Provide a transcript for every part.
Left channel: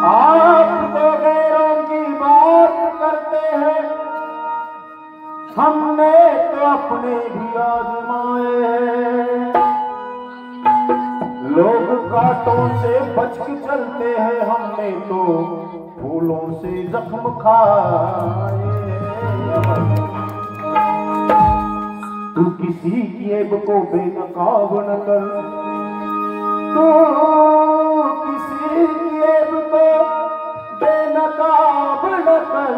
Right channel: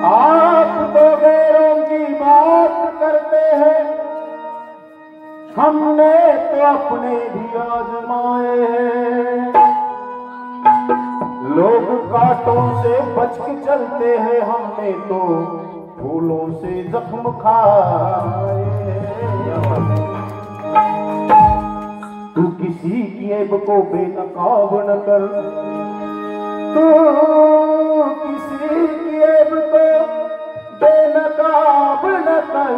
आप तो गैरों की बात करते हैं, हमने तो अपने भी आजमाए हैं। लोग कांटों से बच के चलते हैं, हमने तो फूलों से जख्म खाए हैं। तू किसी की ऐब को बेनकाब न कर, तू किसी की ऐब को बेनकाब न कर।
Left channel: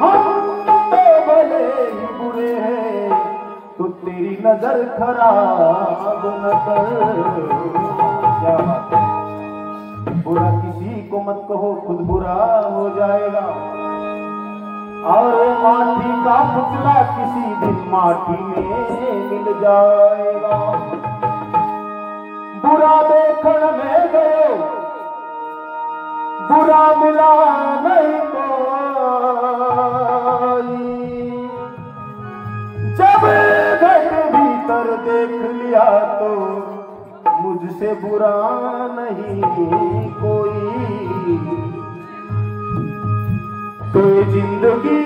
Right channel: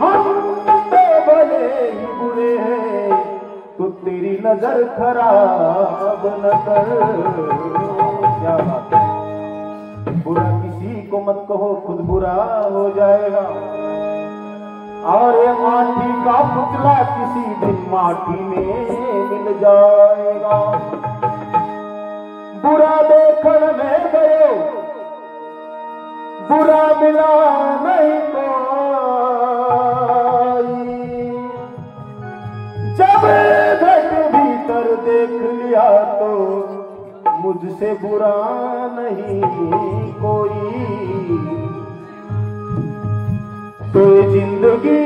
हम तो भले ही बुरे हैं, तू तेरी नजर खराब न कर। क्या बात है, बुरा किसी को मत कहो, खुद बुरा हो जाएगा। और माटी का पुतला किसी दिन माटी में मिल जाएगा। बुरा देखने में गए, बुरा मिला नहीं कोई। जब घट भीतर देख लिया तो मुझसे बुरा नहीं कोई। तो जिंदगी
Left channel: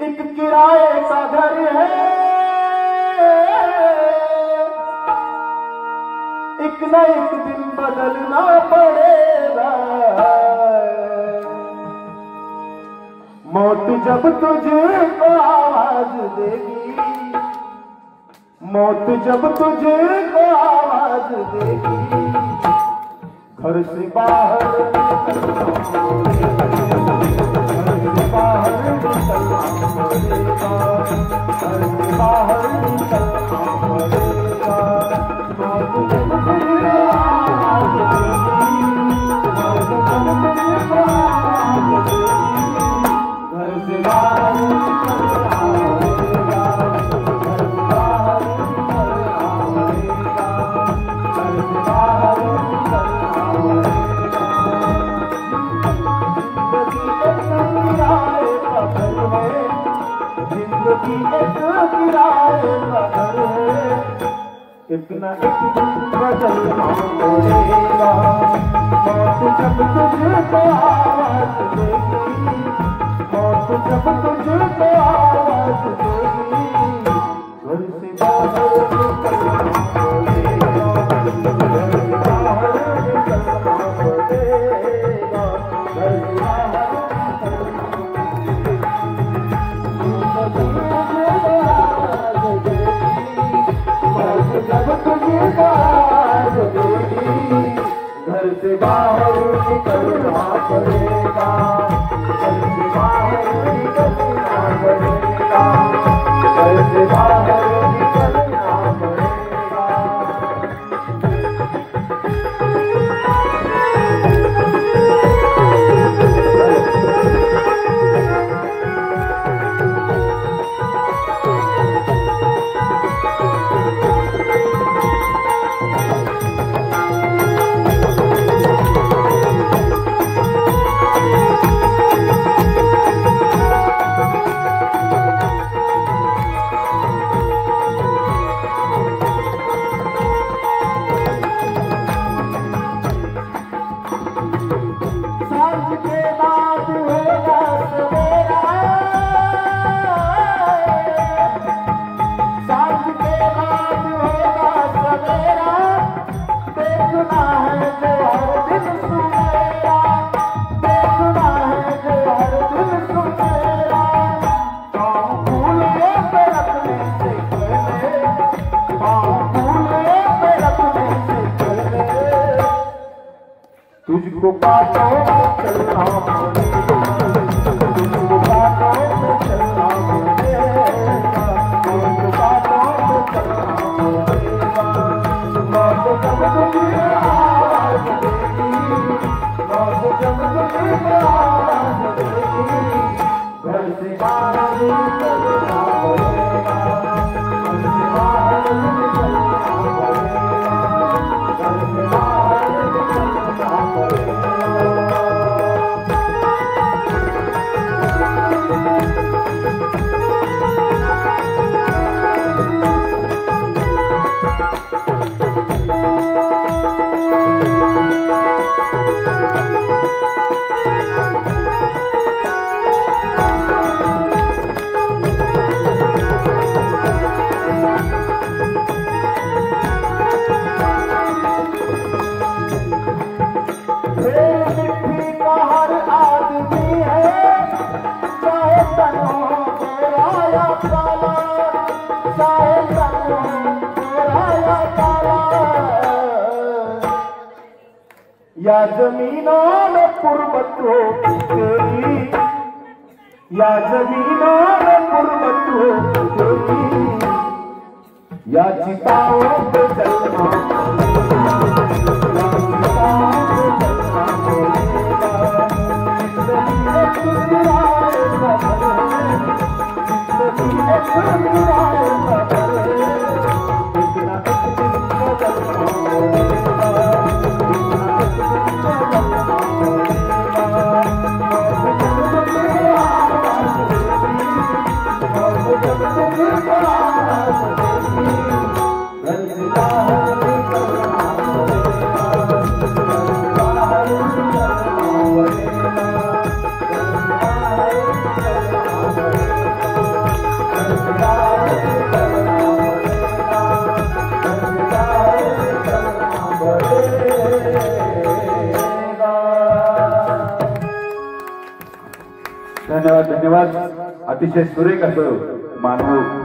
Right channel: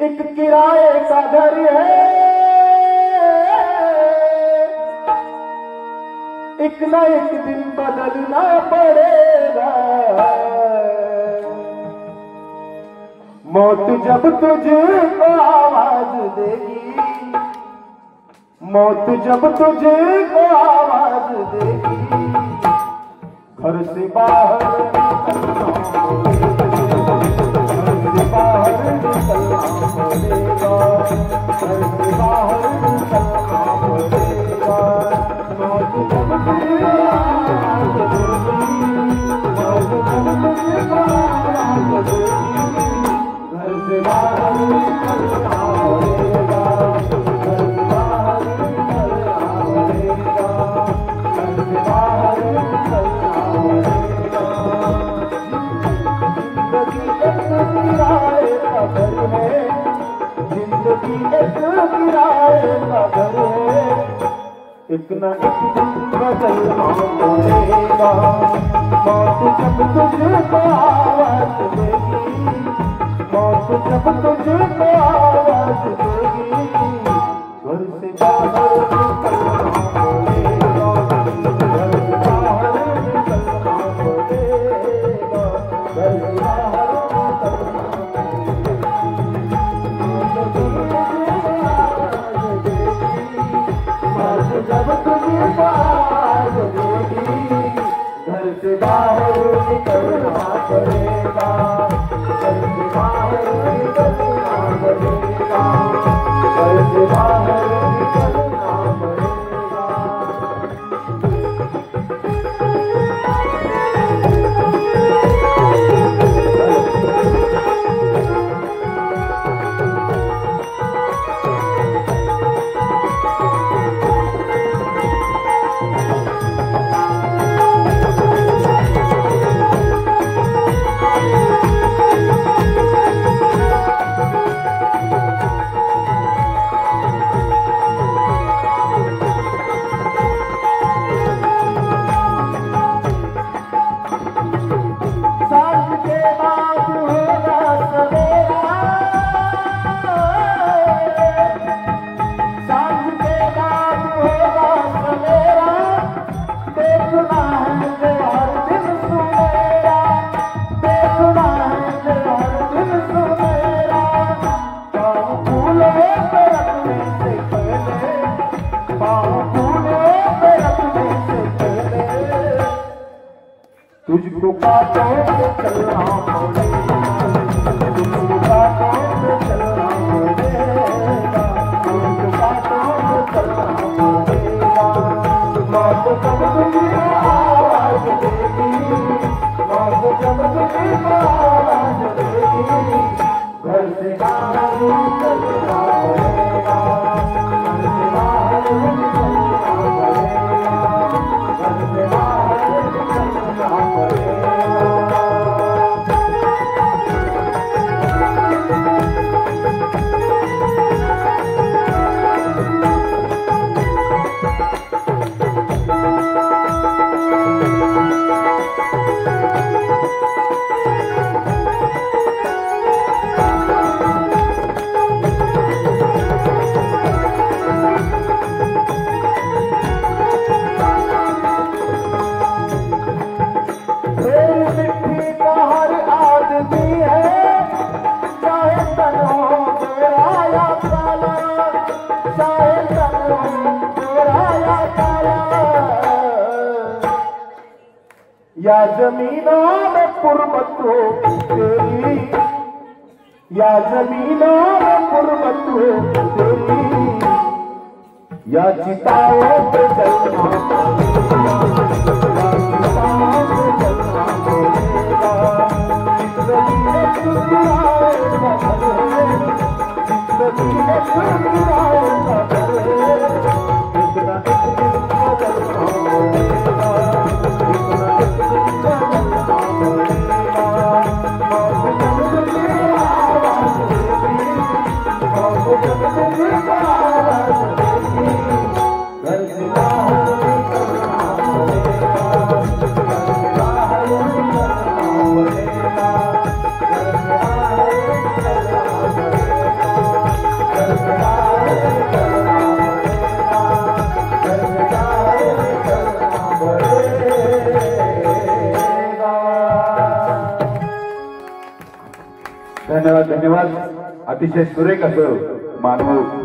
एक किराए का घर है, एक न एक दिन बदलना पड़ेगा। मौत जब तुझे को आवाज देगी, मौत जब तुझे को आवाज देगी, घर से बाहर निकलना पड़ेगा, घर से बाहर निकलना पड़ेगा। मौत जब तुझे आवाज देगी, मौत जब तुझे आवाज देगी, घर से बाहर निकलना पड़ेगा, घर से बाहर निकलना पड़ेगा, घर से बाहर निकलना पड़ेगा। जिंदगी एक किराए का घर है, एक न एक दिन बदलना पड़ेगा। मौत जब तुझे को आवाज देगी, मौत जब तुझे को आवाज देगी, घर से बाहर निकलना पड़ेगा, घर से बाहर निकलना पड़ेगा, घर से बाहर जब तुझे आवाज देगी, घर से बाहर निकलना पड़ेगा, घर से बाहर निकलना पड़ेगा, घर से बाहर निकलना पड़ेगा। तुझको बातों में चलना पड़ेगा, तुझको बातों में चलना पड़ेगा, तुझको बातों में चलना पड़ेगा। मौत जब तुझे आवाज देगी, मौत जब तुझे आवाज देगी, घर से बाहर निकलना पड़ेगा, घर से बाहर निकलना पड़ेगा, घर से बाहर निकलना पड़ेगा। चाहे तेरा या तारा, या जमीनों में पुरबत हो तेरी, या जमीनों में पुरबत हो तेरी, या चिताओं पे जलना पड़ेगा, धन्यवाद धन्यवाद. अतिशय सुरेख असं मानव